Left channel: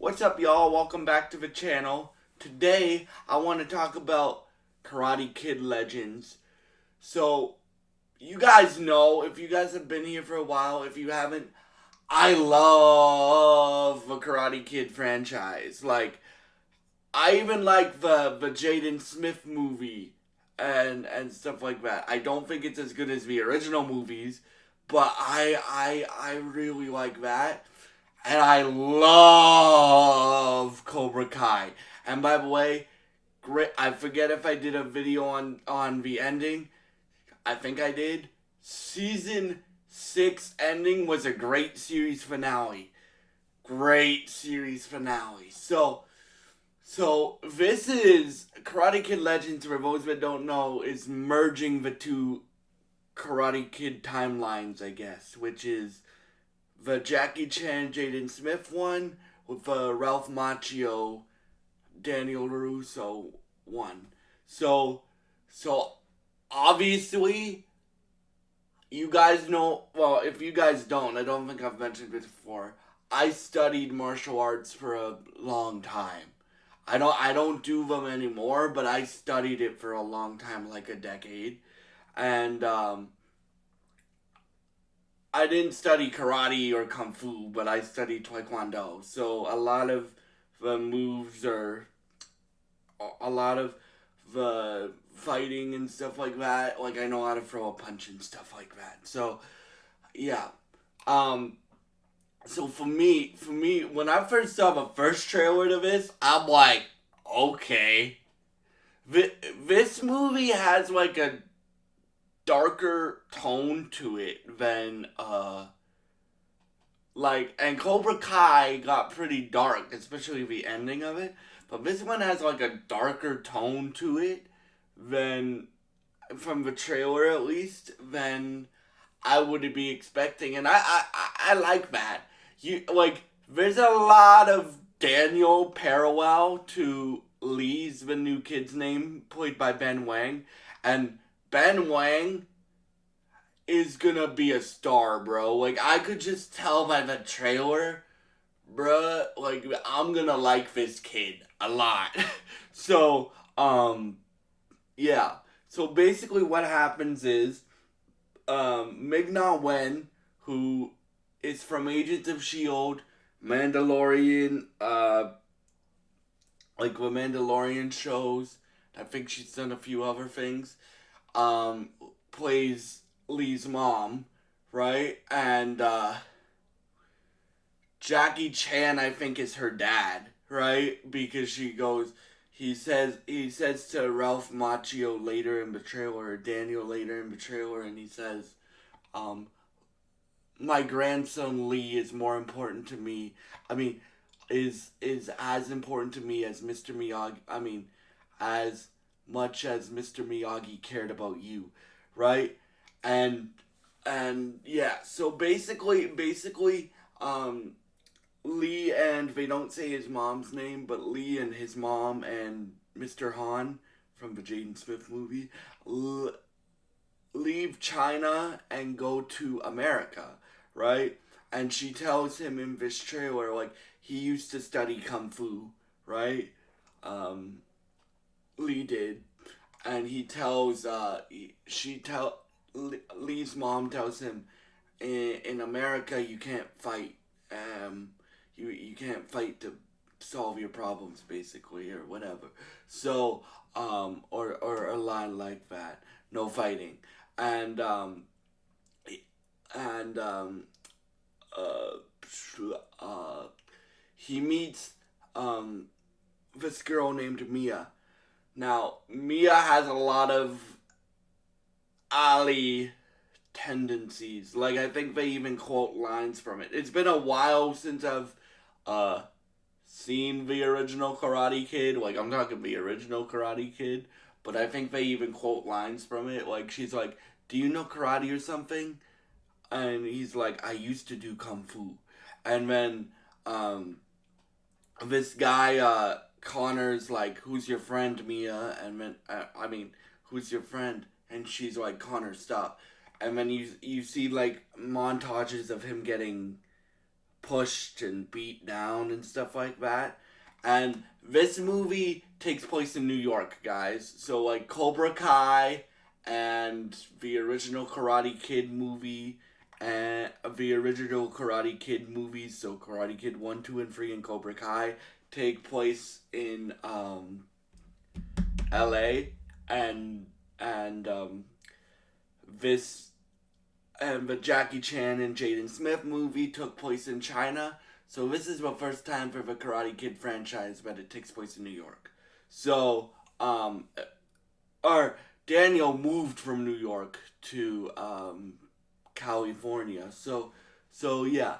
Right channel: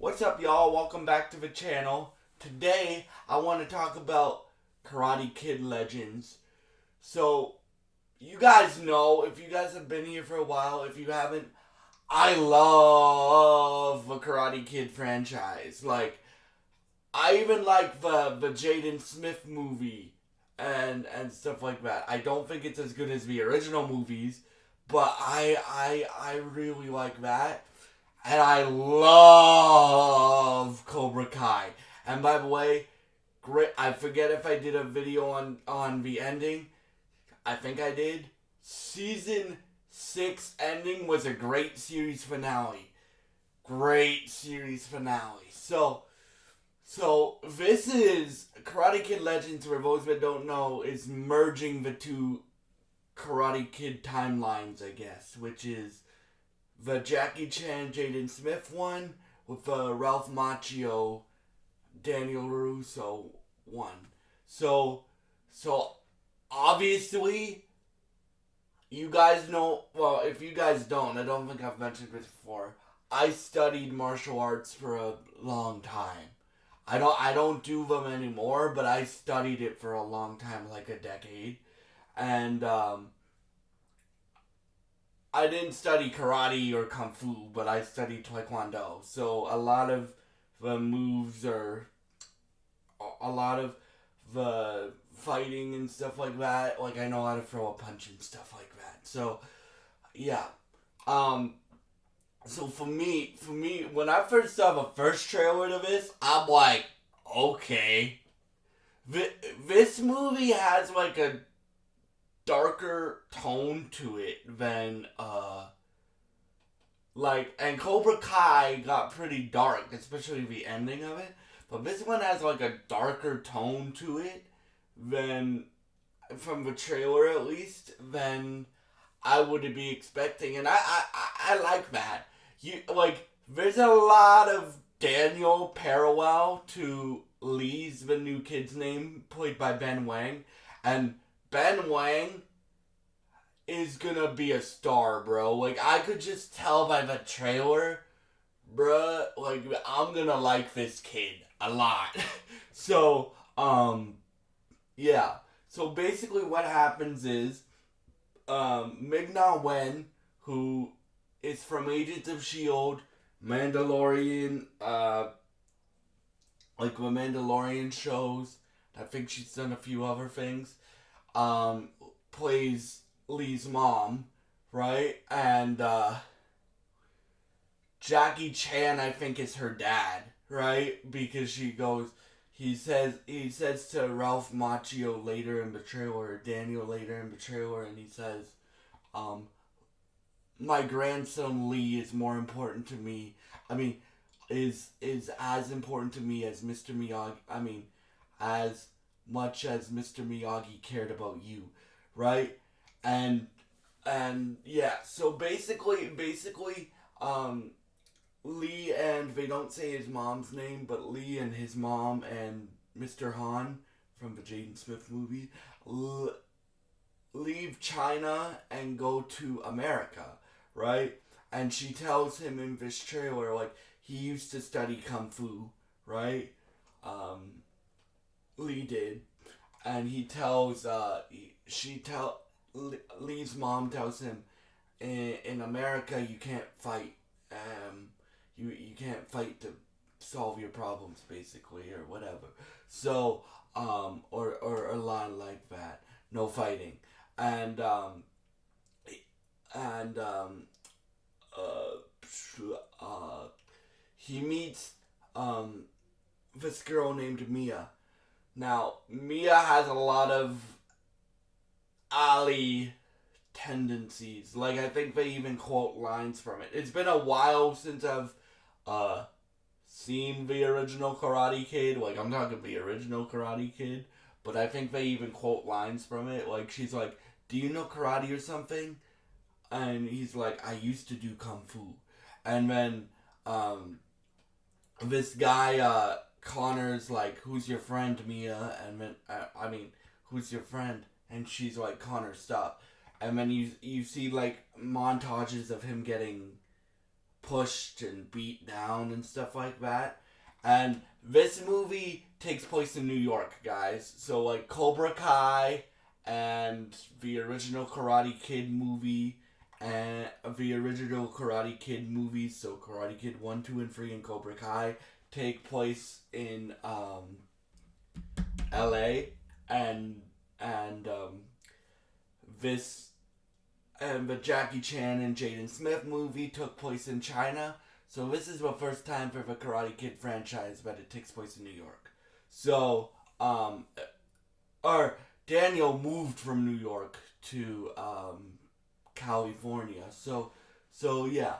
What's up, y'all? Welcome back to the channel. Today, I want to talk about Karate Kid Legends. So, you guys know, if you guys have been here for a while, if you haven't, I love the Karate Kid franchise. I even like the Jaden Smith movie and stuff like that. I don't think it's as good as the original movies, but I really like that. And I love Cobra Kai. And by the way, great. I forget if I did a video on the ending. I think I did. Season 6 ending was a great series finale. Great series finale. So this is Karate Kid Legends. For those that don't know, is merging the two Karate Kid timelines, I guess, which is the Jackie Chan Jaden Smith one with the Ralph Macchio Daniel larusso one. So so obviously you guys know, well, if you guys don't, I don't think I've mentioned this before. I studied martial arts for a long time. I don't do them anymore, but I studied it for a long time, like a decade. And I didn't study karate or kung fu, but I studied taekwondo. So a lot of the moves are a lot of the fighting and stuff like that. Like I know how to throw a punch and stuff like that. So yeah. Um. So for me, when I first saw the first trailer to this, I'm like, okay, this movie has like a darker tone to it than and Cobra Kai got pretty dark, especially the ending of it. But this one has like a darker tone to it than, from the trailer at least, than I would be expecting, and I like that. There's a lot of Daniel parallel to Lee's the new kid's name, played by Ben Wang, and Ben Wang is gonna be a star, bro. Like I could just tell by the trailer, bruh. Like I'm gonna like this kid a lot. so yeah. So basically, what happens is Ming-Na Wen, who is from Agents of Shield, Mandalorian, like the Mandalorian shows. I think she's done a few other things. Um, Plays Lee's mom, right? And Jackie Chan, I think, is her dad, right? Because he says to Ralph Macchio later in the trailer, or Daniel later in the trailer, and he says, um, "My grandson Lee is more important to me. I mean, is as important to me as Mr. Miyagi. I mean, as much as Mr. Miyagi cared about you, right?" And yeah, so basically, Lee, and they don't say his mom's name, but Lee and his mom and Mr. Hahn from the Jaden Smith movie leave China and go to America, right? And she tells him in this trailer, like, he used to study Kung Fu, right? Um, Lee did. And he tells, Lee's mom tells him, in America, you can't fight. You can't fight to solve your problems, basically, or whatever. So, or a line like that. No fighting. And, and, uh, he meets, this girl named Mia. Now, Mia has a lot of Ali tendencies. Like, I think they even quote lines from it. It's been a while since I've uh seen the original Karate Kid. Like, I'm talking the original Karate Kid, but I think they even quote lines from it. Like, she's like, "Do you know karate or something?" And he's like, "I used to do kung fu." And then um this guy, Connor's like, "Who's your friend, Mia?" And then I mean, "Who's your friend?" And she's like, "Connor, stop." And then you see like montages of him getting pushed and beat down and stuff like that. And this movie takes place in New York, guys. So like Cobra Kai and the original Karate Kid movie and the original Karate Kid movies, so Karate Kid 1, 2, and 3 and Cobra Kai take place in LA and this and the Jackie Chan and Jaden Smith movie took place in China. So this is the first time for the Karate Kid franchise that it takes place in New York. So, or Daniel moved from New York to California. So yeah.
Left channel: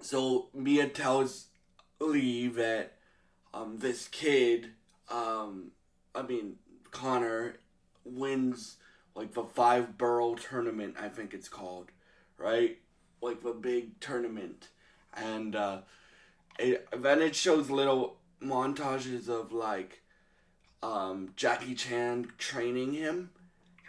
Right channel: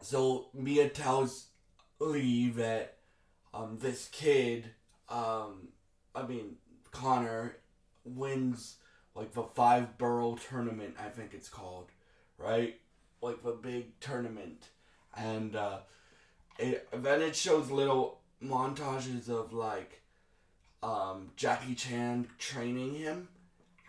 So Mia tells Lee that this kid, Connor, wins like the 5 borough tournament, I think it's called, right? Like the big tournament, and then it shows little montages of like Jackie Chan training him,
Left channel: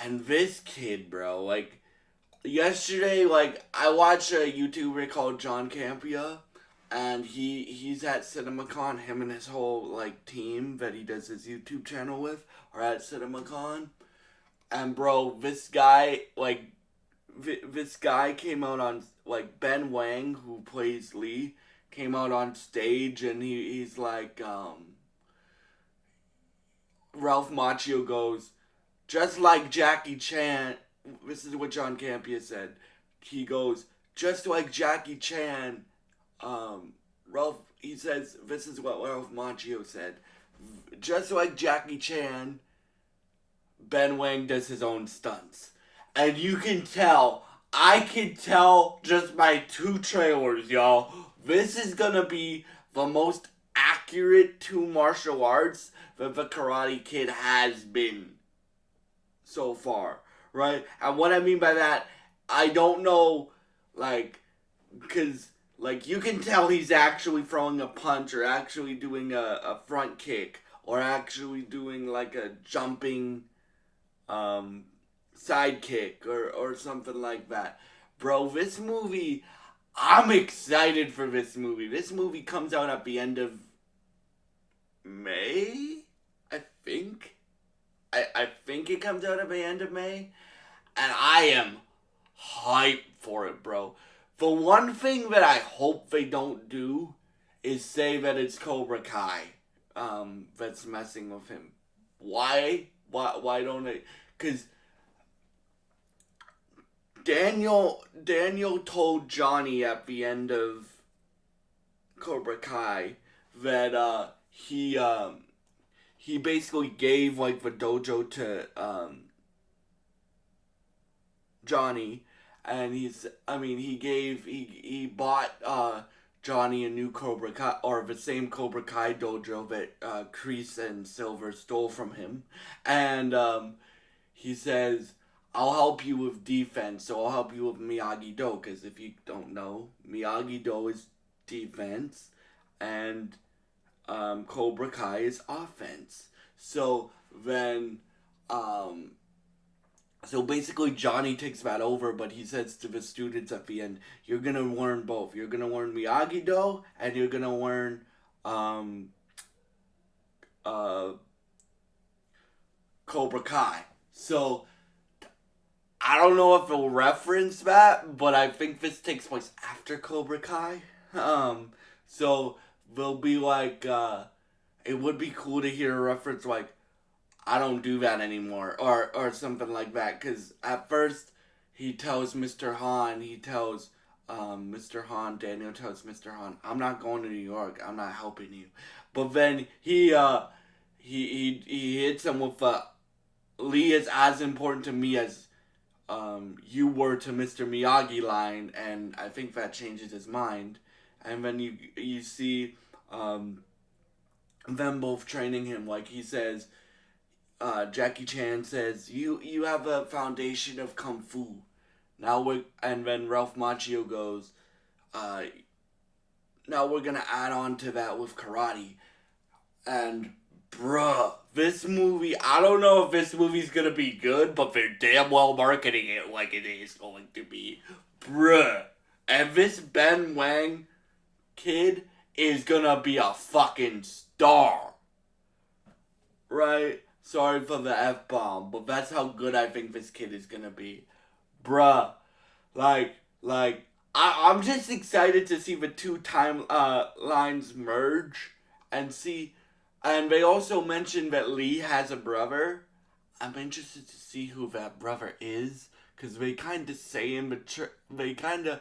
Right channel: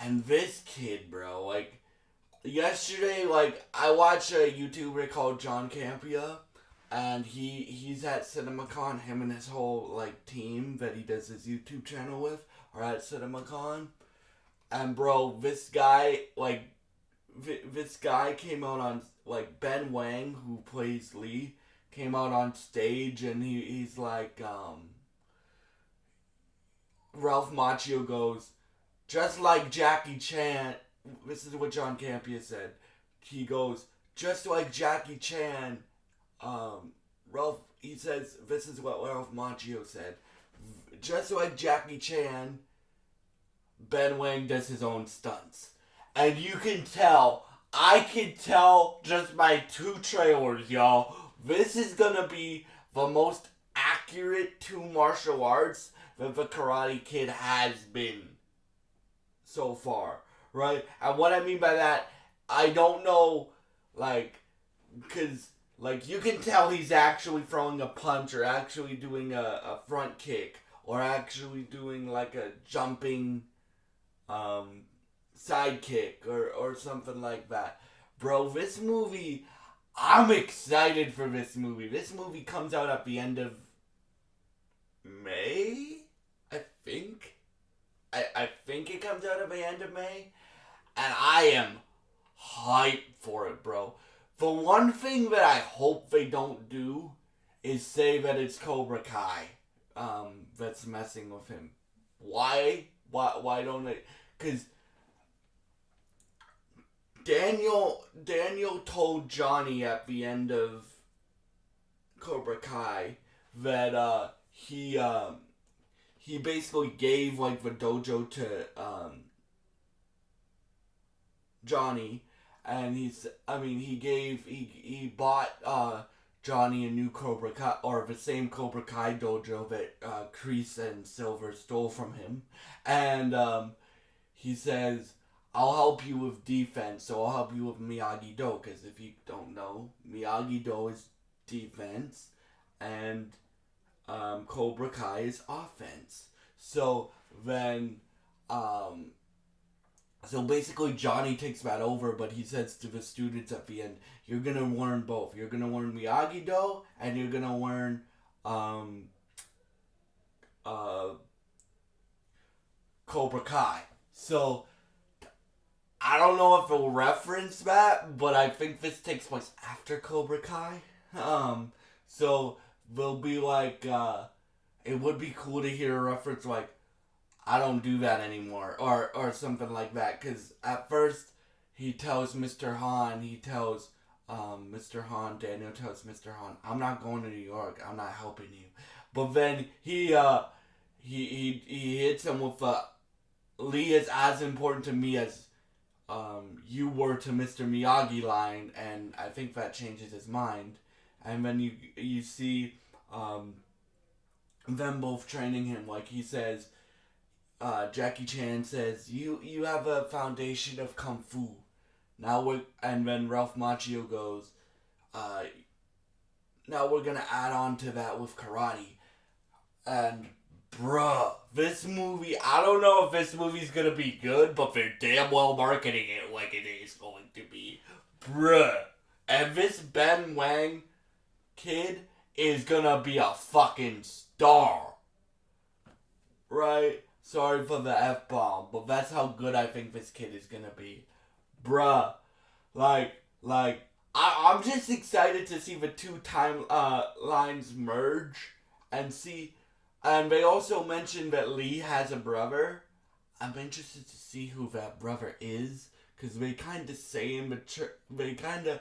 and this kid, bro, like yesterday, like I watched a YouTuber called John Campia, and he's at CinemaCon. Him and his whole like team that he does his YouTube channel with are at CinemaCon, and bro, this guy came out on, like, Ben Wang, who plays Lee, came out on stage, and he's like, Ralph Macchio goes, just like Jackie Chan, this is what John Campia said, he goes, just like Jackie Chan, he says, this is what Ralph Macchio said, just like Jackie Chan, Ben Wang does his own stunts. And you can tell, I can tell just by 2 trailers, y'all. This is gonna be the most accurate to martial arts that the Karate Kid has been so far, right? And what I mean by that, I don't know, like, because, like, you can tell he's actually throwing a punch or actually doing a front kick or actually doing, like, a jumping, sidekick or something like that. Bro, this movie, I'm excited for this movie. This movie comes out at the end of May, I think. I think it comes out at the end of May. And I am hyped for it, bro. The one thing that I hope they don't do is say that it's Cobra Kai that's messing with him. Why? Why don't they? Because Daniel told Johnny at the end of Cobra Kai that he basically gave like the dojo to Johnny, and he bought Johnny a new Cobra Kai, or the same Cobra Kai dojo that Kreese and Silver stole from him, and he says, I'll help you with defense, so I'll help you with Miyagi-Do, because if you don't know, Miyagi-Do is defense, and Cobra Kai is offense. So then, so basically Johnny takes that over, but he says to the students at the end, you're going to learn both. You're going to learn Miyagi-Do, and you're going to learn Cobra Kai. So I don't know if it'll reference that, but I think this takes place after Cobra Kai. So they'll be like, it would be cool to hear a reference like, I don't do that anymore, or something like that. Because at first, he tells Mr. Hahn, Mr. Hahn, Daniel tells Mr. Hahn, I'm not going to New York, I'm not helping you. But then he hits him with Lee is as important to me as you were to Mr. Miyagi line, and I think that changes his mind. And then you see them both training him. Like he says, Jackie Chan says, you have a foundation of Kung Fu. And then Ralph Macchio goes, now we're gonna add on to that with karate. And bruh, this movie, I don't know if this movie's gonna be good, but they're damn well marketing it like it is going to be. Bruh, And this Ben Wang kid is gonna be a fucking star. Right? Sorry for the F-bomb, but that's how good I think this kid is gonna be. Bruh. I'm just excited to see the two lines merge and see. And they also mentioned that Lee has a brother. I'm interested to see who that brother is, because they kind of say they kind of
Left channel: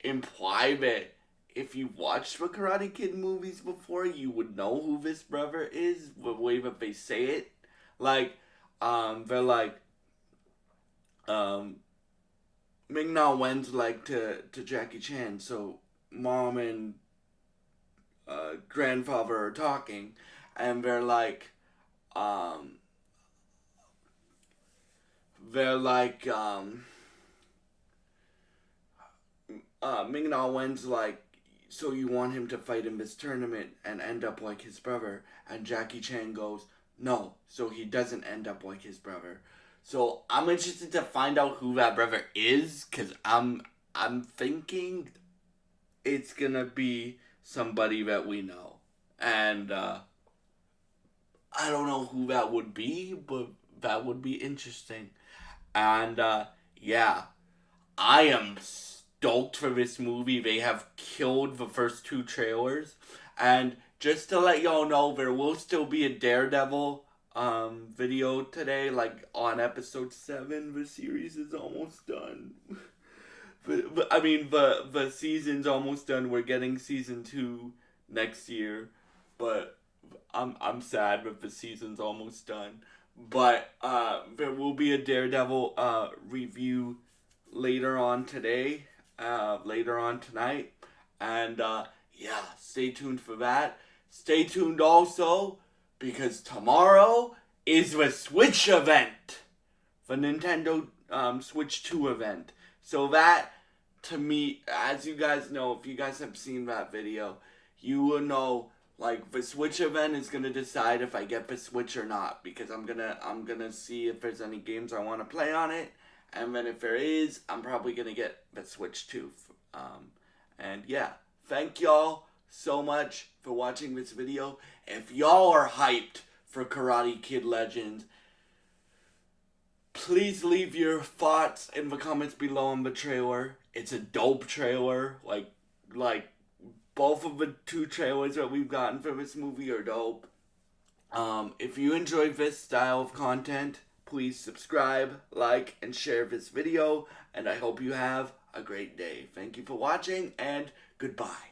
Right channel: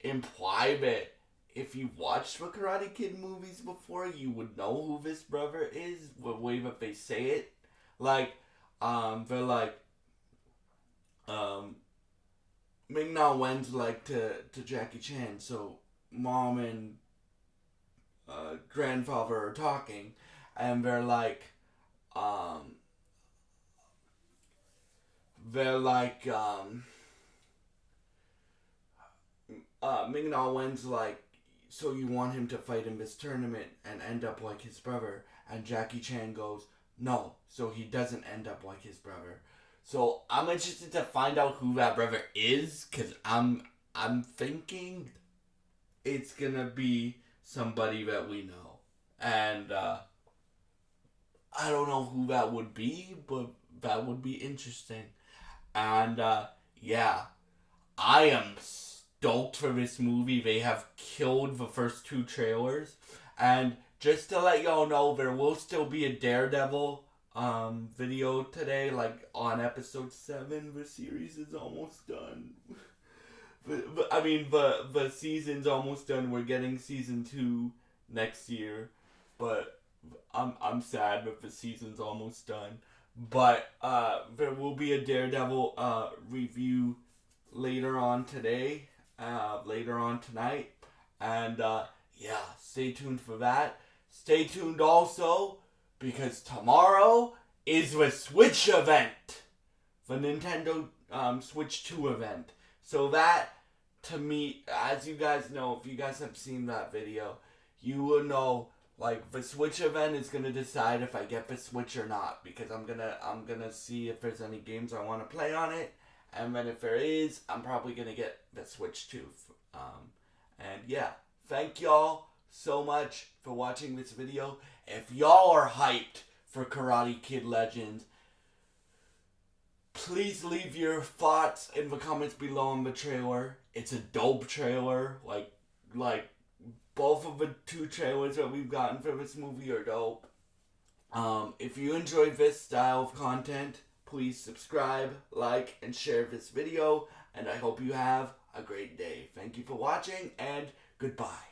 imply that if you watched the Karate Kid movies before, you would know who this brother is. The way that they say it, like, they're like, Ming Na Wen's like to Jackie Chan, so mom and grandfather are talking, and um, they're like, Ming Na Wen's like, so you want him to fight in this tournament and end up like his brother? And Jackie Chan goes, no, so he doesn't end up like his brother. So I'm interested to find out who that brother is, cause I'm thinking it's gonna be somebody that we know, and I don't know who that would be, but that would be interesting. And yeah, I am stoked for this movie. They have killed the first two trailers. And just to let y'all know, there will still be a Daredevil video today, like on episode 7. The series is almost done. but I mean, the season's almost done. We're getting season 2 next year. But I'm sad that the season's almost done. But there will be a Daredevil review later on today, later on tonight, and yeah, stay tuned for that. Stay tuned also because tomorrow is the Switch event, the Nintendo Switch 2 event. So that, to me, as you guys know, if you guys have seen that video, you will know, like, the Switch event is gonna decide if I get the Switch or not, because I'm gonna see if there's any games I want to play on it, and then if there is, I'm probably gonna get the Switch too. And yeah, thank y'all so much for watching this video. If y'all are hyped for Karate Kid Legends, please leave your thoughts in the comments below on the trailer. It's a dope trailer. Like both of the two trailers that we've gotten for this movie are dope. If you enjoyed this style of content, please subscribe, like, and share this video. And I hope you have a great day. Thank you for watching, and goodbye.